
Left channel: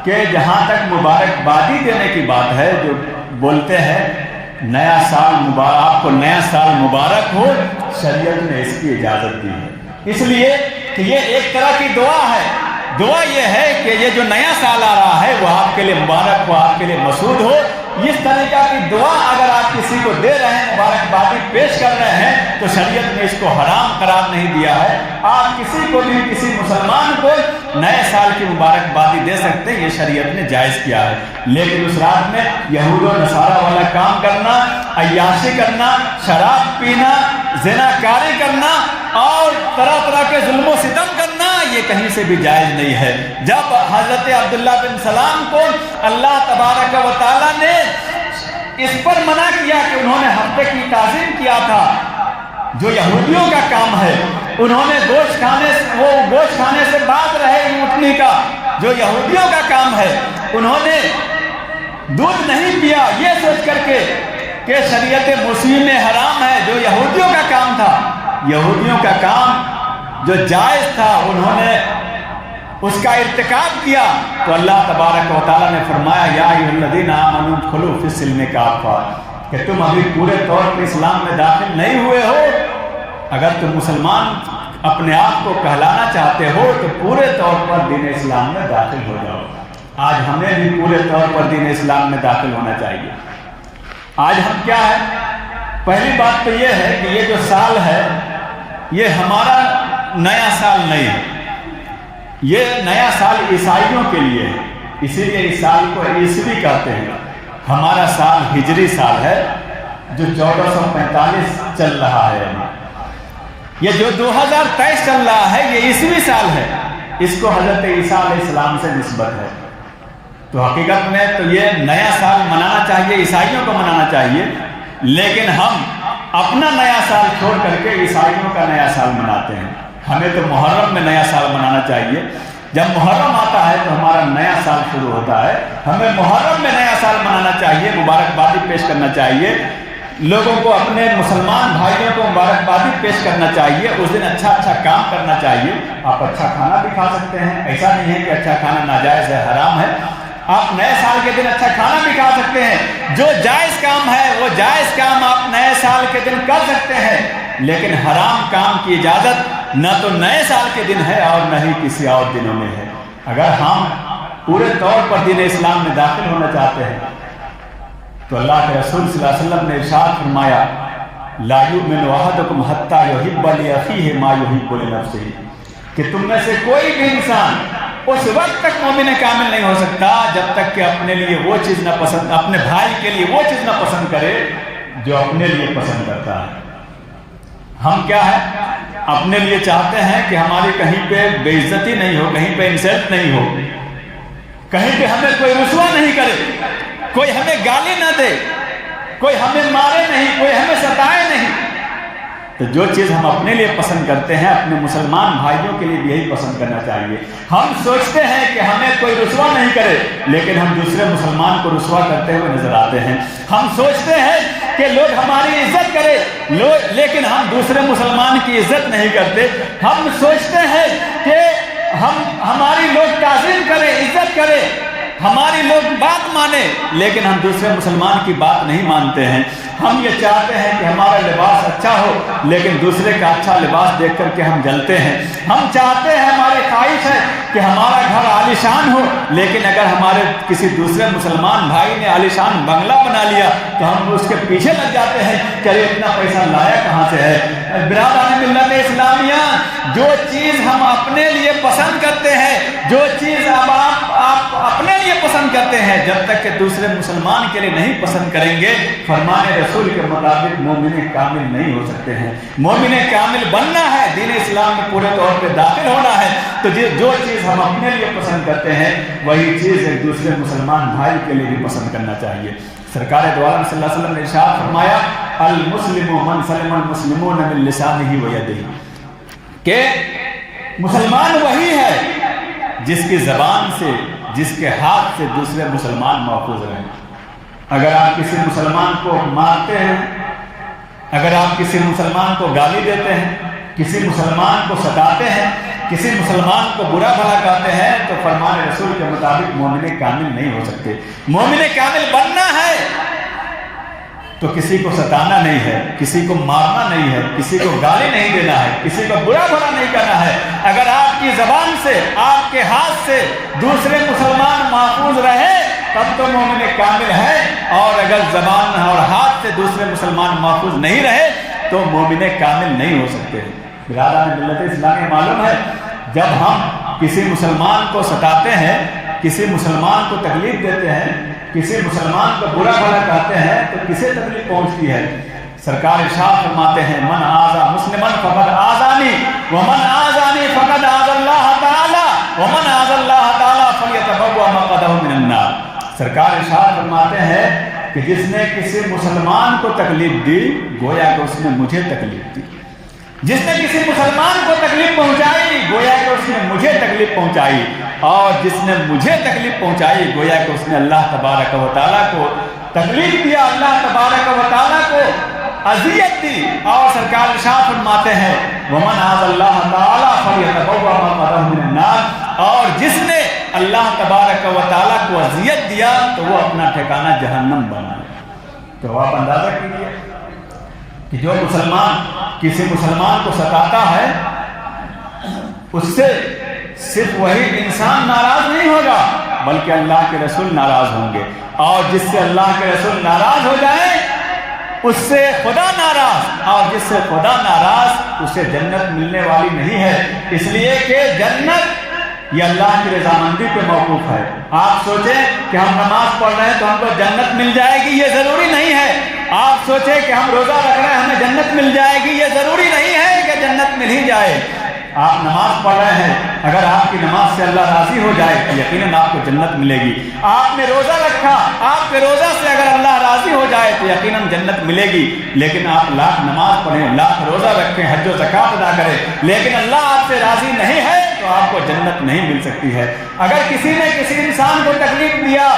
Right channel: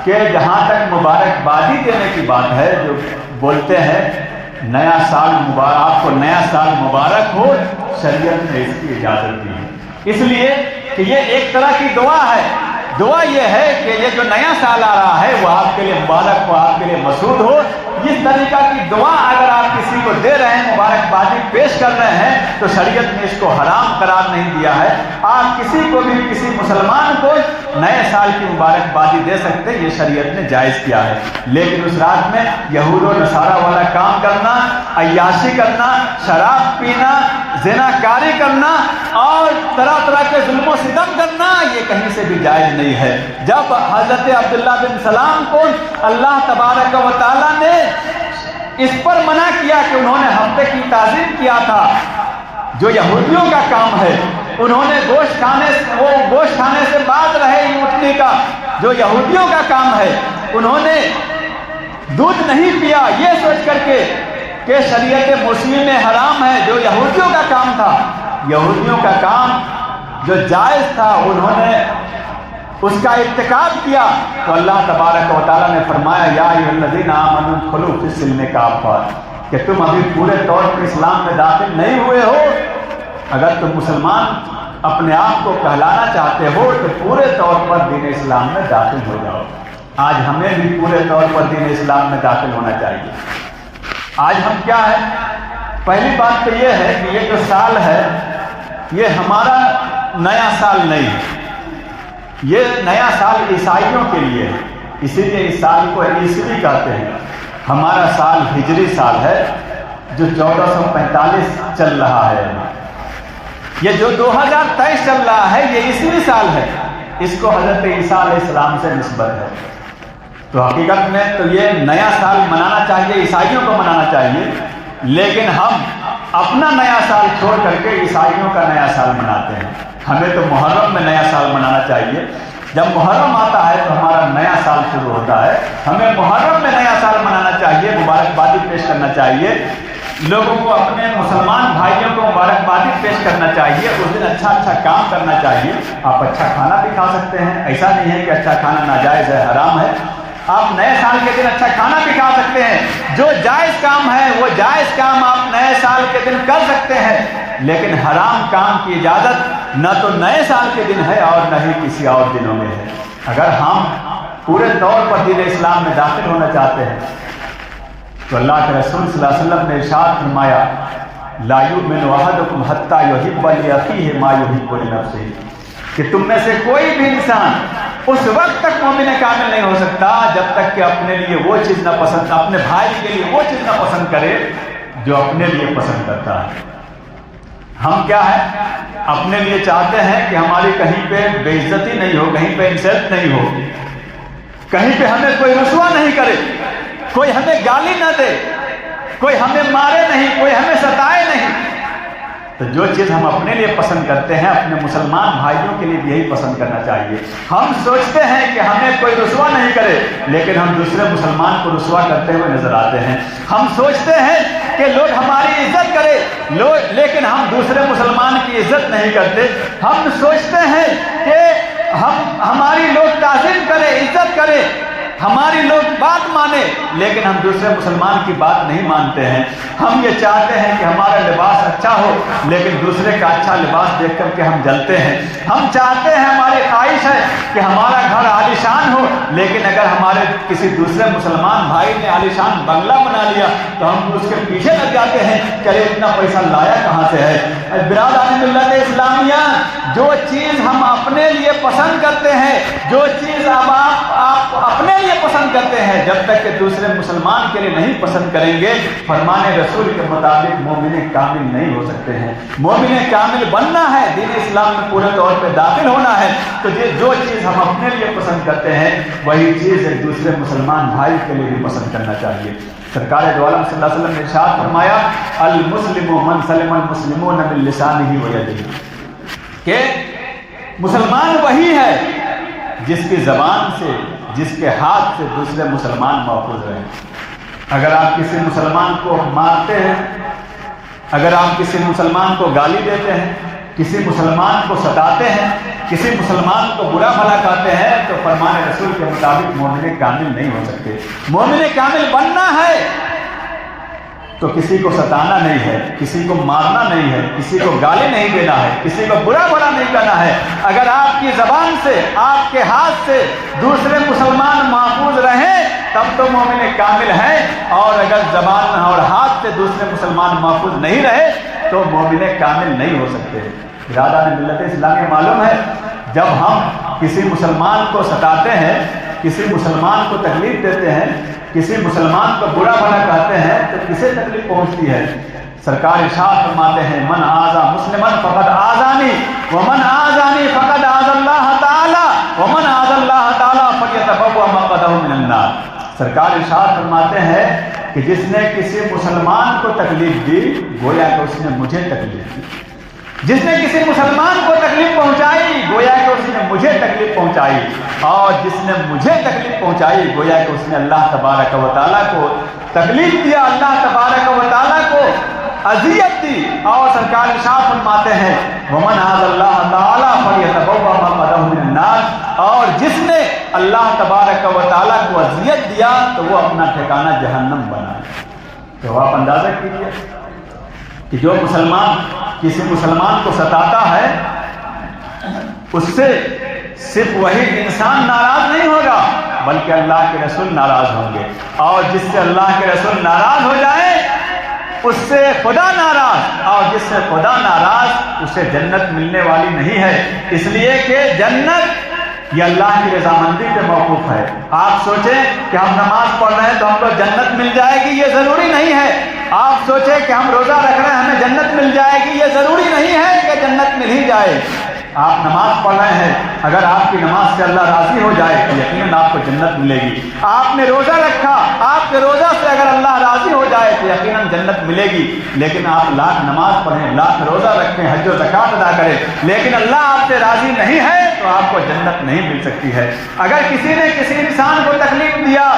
کہ جہاں تک مبارکبادی دینے کی بات ہے، جو بولتے ہیں نیا سال مبارک، آپ کو نیا سال مبارک ہو، شریعت نے اس کی اجازت دی ہے، اس لیے کہ یہ ایک طرح کی دعا ہے۔ دعا یہ ہے کہ یہ جو نیا سال آ رہا ہے وہ آپ کے لیے مبارک ہو، آپ کے لیے مسعود ہو۔ اس طریقہ کی دعا اگر آپ کسی کو دے رہے ہیں، مبارکبادی پیش کر رہے ہیں، تو شریعت نے اس کو حرام قرار نہیں دیا ہے۔ آپ کسی کو بھی، کسی مسلمان کو نئے سال کی مبارکبادی دے سکتے ہیں، یہ شریعت نے جائز کیا ہے۔ لیکن اس رات میں یہود و نصارہ والا کام کرنا، عیاشی کرنا، شراب پینا، زنا کاری کرنا اور طرح طرح کے ظلم و ستم کرنا، یہ کہیں سے بھی جائز نہیں ہے۔ جب حضرت عبداللہ بن سلام کو اللہ تبارک و تعالیٰ نے اس پر منع کیا کہ انہوں نے ہفتے کی تعظیم کیا تھا، جو یہودیوں کا کام ہے، انہوں نے گوشت کھانے سے باز رہے اٹھنے کا، جو یہودیوں کا کام ہے، انہوں نے دودھ نہیں پیا یہ سوچ کر کے کہ شریعت مسلم میں حرام ہے، جو یہودیوں کا کام تھا، یہودیوں کا کام جو جائز تھا، انہوں نے اس کا ارتکاب کیا، تو اللہ تبارک و تعالیٰ نے فرمایا یا ایھا الذین آمنوا ادخلوا فی السلم کافۃ، کہ تم ابھی پورے طور پر اسلام میں داخل نہیں ہوئے ہو۔ اگر تم مسلمان اپنے آپ کو کہلانا چاہتے ہو تو پورے طور پر دین اسلام میں داخل ہو جاؤ۔ آج ہمیں بھی پورے طور پر دین اسلام میں داخل ہونا چاہیے۔ آج ہم کیا ہے؟ پہلی بات تو یہ ہے کہ یہ جو سال ہے یہ ہمارا نیا سال نہیں ہے، یہ نیا سال عیسائیوں کے لیے ہے، اسی لیے اس سال کو عیسوی کہتے ہیں۔ ہمارا سال ہجری سال ہے جو 1445 چل رہا ہے، یہ جو 2023 چل رہا ہے یہ عیسوی سال ہے، اس کو حضرت عیسیٰ علیہ السلام سے نسبت ہے۔ تو حقیقت میں تو یہ نیا سال منانا چاہیے، عیسائیوں کو منانا چاہیے، لیکن ہم اپنا نیا سال چھوڑ کر کے عیسائیوں کا نیا سال مناتے ہیں۔ ہمیں تو محرم میں نیا سال منانا چاہیے، جب محرم آتا ہے تو ہمارا نیا سال شروع ہوتا ہے، ہمیں محرم میں نیا سال منانا چاہیے، مبارکبادی پیش کرنا چاہیے، لوگوں کو، اپنے مسلمان بھائیوں کو مبارکبادی پیش کرنا چاہیے، اس دن اچھا کام کرنا چاہیے۔ آپ اچھا کھانا بھی کھا سکتے ہیں، ایسا نہیں ہے کہ اچھا کھانا ناجائز ہے، حرام ہے۔ آپ نئے سال کے دن اچھا کھانا بھی کھا سکتے ہیں، جو جائز کام ہے وہ جائز کام آپ نئے سال کے دن کر سکتے ہیں، لیکن حرام کام کی اجازت نہ تو نئے سال کے دن ہے اور نہ ہی کسی اور دنوں میں ہے۔ اگر ہم پورے طور پر دین اسلام میں داخل ہونا چاہتے ہیں تو اللہ کے رسول صلی اللہ علیہ وسلم نے ارشاد فرمایا لا یؤمن احدکم حتی یحب لأخیہ ما یحب لنفسہ، کہ تم میں سے کوئی بھی انسان उस वक्त तक मोमिन कामिल नहीं हो सकता जब तक कि अपने लिए वो चीज ना पसंद, अपने भाई के लिए वो चीज ना पसंद करे जो अपने लिए पसंद करता है। हम क्या है, अपने लिए चाहते हैं कि हमारी कहीं पे बेइज्जती नहीं हो, कहीं पे इंसल्ट नहीं हो, कहीं पे हमें कोई रुसवा नहीं करे, कोई हमें गाली ना दे, कोई हमें मारे नहीं, कोई हमें सताए नहीं। तो जो चीज़ हम अपने लिए पसंद करते हैं अपने मुसलमान भाइयों के लिए भी यही पसंद करना चाहिए। हम सोचते हैं कि हमें कोई रुसवा नहीं करे, लेकिन हम दूसरे मुसलमान को रुसवा करते हुए नजर आते हैं। हम सोचते हैं कि लोग हमारी इज्जत करे, लेकिन हम दूसरे मुसलमान की इज्जत नहीं करते। हम सोचते हैं कि हमारी लोग ताज़ीम करे, इज्जत करे, हमारी लोग बात माने, लेकिन हम दूसरे मुसलमान की बात नहीं मानते हैं। हम ये चाहते हैं कि हमारा लिबास अच्छा हो, लेकिन दूसरे का अच्छा लिबास देख करके हम जलते हैं। हम चाहते हैं, हमारी ख्वाहिश है कि हमारा घर आलीशान हो, लेकिन अगर हमारे किसी दूसरे मुसलमान भाई ने आलीशान बंगला बना लिया तो हम उसके पीछे लग जाते हैं कि अरे इतना पैसा लाया कहाँ से है। बिरादरान मिल्लत इस्लामिया, जो चीज़ हम अपने लिए पसंद करते हैं, जो चीज़ आप अपने लिए पसंद करते हैं, जब तक कि दूसरे मुसलमान के लिए नहीं पसंद करेंगे, फरमाने रसूल के मुताबिक मोमिन कामिल नहीं हो सकते हैं। मोमिन कामिल बनना है, दीन इस्लाम में पूरे तौर पे दाखिल होना है, तो जो चीज़ हम अपने लिए पसंद करते हैं वही चीज़ एक दूसरे मुसलमान भाई के लिए भी पसंद करना चाहिए। सरकार दो आलम सल्लल्लाहु अलैहि वसल्लम ने इरशाद फरमाया, अल मुस्लिमु मन सलिमल मुस्लिमून मिन लिसानिही व यदिही, कि मुसलमान वही है जिसकी ज़बान से, जिसके हाथ से दूसरे मुसलमान महफूज रहे। अगर आप किसी मुसलमान को मारते हैं, अगर आप किसी मुसलमान को गाली देते हैं, किसी मुसलमान को सताते हैं, किसी मुसलमान को बुरा भला कहते हैं, तो फरमाने रसूल के मुताबिक मोमिन कामिल नहीं हो सकते। मोमिन कामिल बनना है तो किसी को सताना नहीं है, किसी को मारना नहीं है, किसी को गाली नहीं देना है, किसी को बुरा भला नहीं करना है। अगर आपकी ज़बान से, आपके हाथ से दूसरे मुसलमान महफूज रहे तब तो मोमिन कामिल है, और अगर ज़बान और हाथ से दूसरे मुसलमान महफूज नहीं रहे तो मोमिन कामिल नहीं हो सकते। बिरादरान मिल्लत इस्लामी, मालूम है जब हम किसी मुसलमान को सताते हैं, किसी मुसलमान को तकलीफ देते हैं, किसी मुसलमान को बुरा भला कहते हैं, तो किसे तकलीफ पहुंचती है। सरकार इरशाद फरमाते हैं, मन आज़ा मुस्लिमन फक़द आज़ानी व मन आज़ानी फक़द आज़ल्लाह ताला व मन आज़ल्लाह ताला फलियतबव्वा मक़अदहु मिनन नार। सरकार इरशाद फरमाते हैं कि जिसने किसी मुसलमान को तकलीफ दी, गोया कि उसने मुझे तकलीफ दी। जिसने किसी मुसलमान को तकलीफ पहुंचाई, गोया कि उसने मुझे तकलीफ पहुंचाई, और जिसने मुझे तकलीफ पहुंचाई, गोया कि उसने अल्लाह तबारक व तआला को तकलीफ दिया, अल्लाह तबारक व तआला को अज़ियत दी। और सरकार इरशाद फरमाते हैं, वमन आज़ल्लाह ताला फलियतबव्वा मक़अदहु मिनन नार, और जिसने अल्लाह तबारक व तआला को अज़ियत दिया तो वो अपना ठिकाना जहन्नम बना। तो आप अंदाजा कीजिए कि जो मुसलमान किसी मुसलमान को सताता है, उससे सिर्फ वही इंसान नाराज नहीं होगा, बल्कि अल्लाह के रसूल नाराज होंगे, और जिससे अल्लाह के रसूल नाराज हो जाए उससे खुदा नाराज, और जिससे खुदा नाराज उससे जन्नत मिलने वाली नहीं है। इसलिए कि जन्नत ये अल्लाह की रजामंदी पे मौकूफ है। आप सोचें कि हम नमाज पढ़ रहे हैं तो हमको जन्नत मिल जाएगी, ये जरूरी नहीं है। आप सोचें कि हम रोजा रख रहे हैं हमें जन्नत मिल जाएगी, ये जरूरी नहीं है कि जन्नत मिल ही जाए। आप नमाज पढ़ रहे हैं, अगर आपकी नमाज से अल्लाह राजी हो जाए तो यकीनन आपको जन्नत मिलेगी। आपने रोजा रखा, आपके रोजा से अगर अल्लाह राजी हो जाए तो यकीनन जन्नत मिलेगी। लेकिन आप लाख नमाज पढ़ें, लाख रोजा रखें, हज और ज़कात अदा करें, लेकिन अल्लाह आपसे राजी नहीं है तो आपको जन्नत नहीं मिल सकती है। अगर किसी ने किसी इंसान को तकलीफ दिया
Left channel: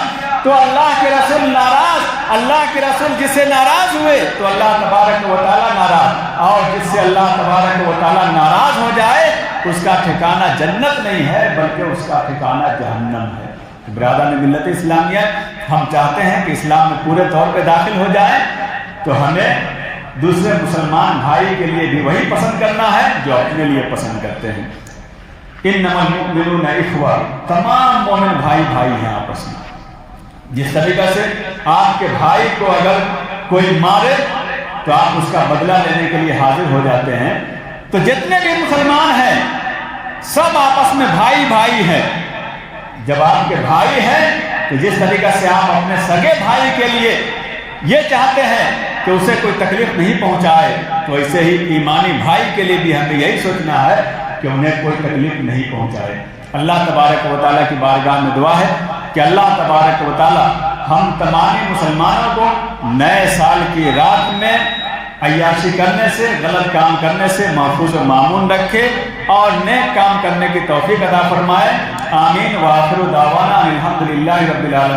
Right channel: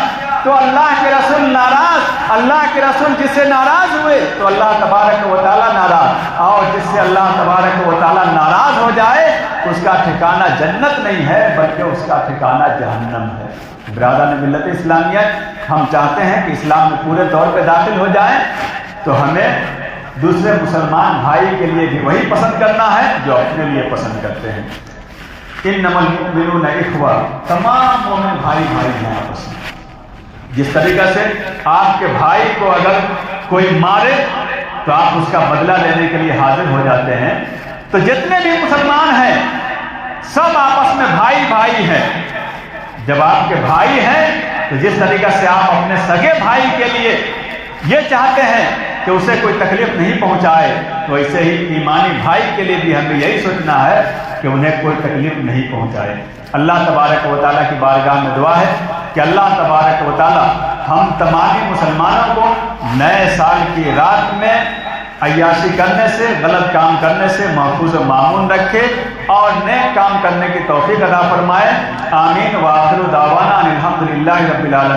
तो अल्लाह के रसूल नाराज, अल्लाह के रसूल जिससे नाराज हुए तो अल्लाह तबारक व तआला नाराज, और जिससे अल्लाह तबारक व तआला नाराज हो जाए उसका ठिकाना जन्नत नहीं है बल्कि उसका ठिकाना जहन्नम है। बिरादरान मिल्लत इस्लामिया, हम चाहते हैं कि इस्लाम में पूरे तौर पे दाखिल हो जाए तो हमें दूसरे मुसलमान भाई के लिए भी वही पसंद करना है जो अपने लिए पसंद करते हैं। इन्नमल मुमिनूना इख्वा, तमाम मोमिन भाई भाई हैं आपस में। जिस तरीका से आपके भाई को अगर कोई मारे तो आप उसका बदला लेने के लिए हाजिर हो जाते हैं, तो जितने भी मुसलमान हैं सब आपस में भाई भाई हैं। जब आपके भाई हैं तो जिस तरीका से आप अपने सगे भाई के लिए ये चाहते हैं कि उसे कोई तकलीफ नहीं पहुंचाए, तो ऐसे ही ईमानी भाई के लिए भी हमें यही सोचना है कि उन्हें कोई तकलीफ नहीं पहुंचाए। अल्लाह तबारक व तआला की बारगाह में दुआ है कि अल्लाह तबारक व तआला हम तमाम मुसलमानों को नए साल की रात में अय्याशी करने से, गलत काम करने से महफूज व मामून रखे और नेक काम करने की तौफीक अता फरमाए। आमीन व आखिरु दावाना अनिल हम्दुलिल्लाहि रब्बिल आलमीन।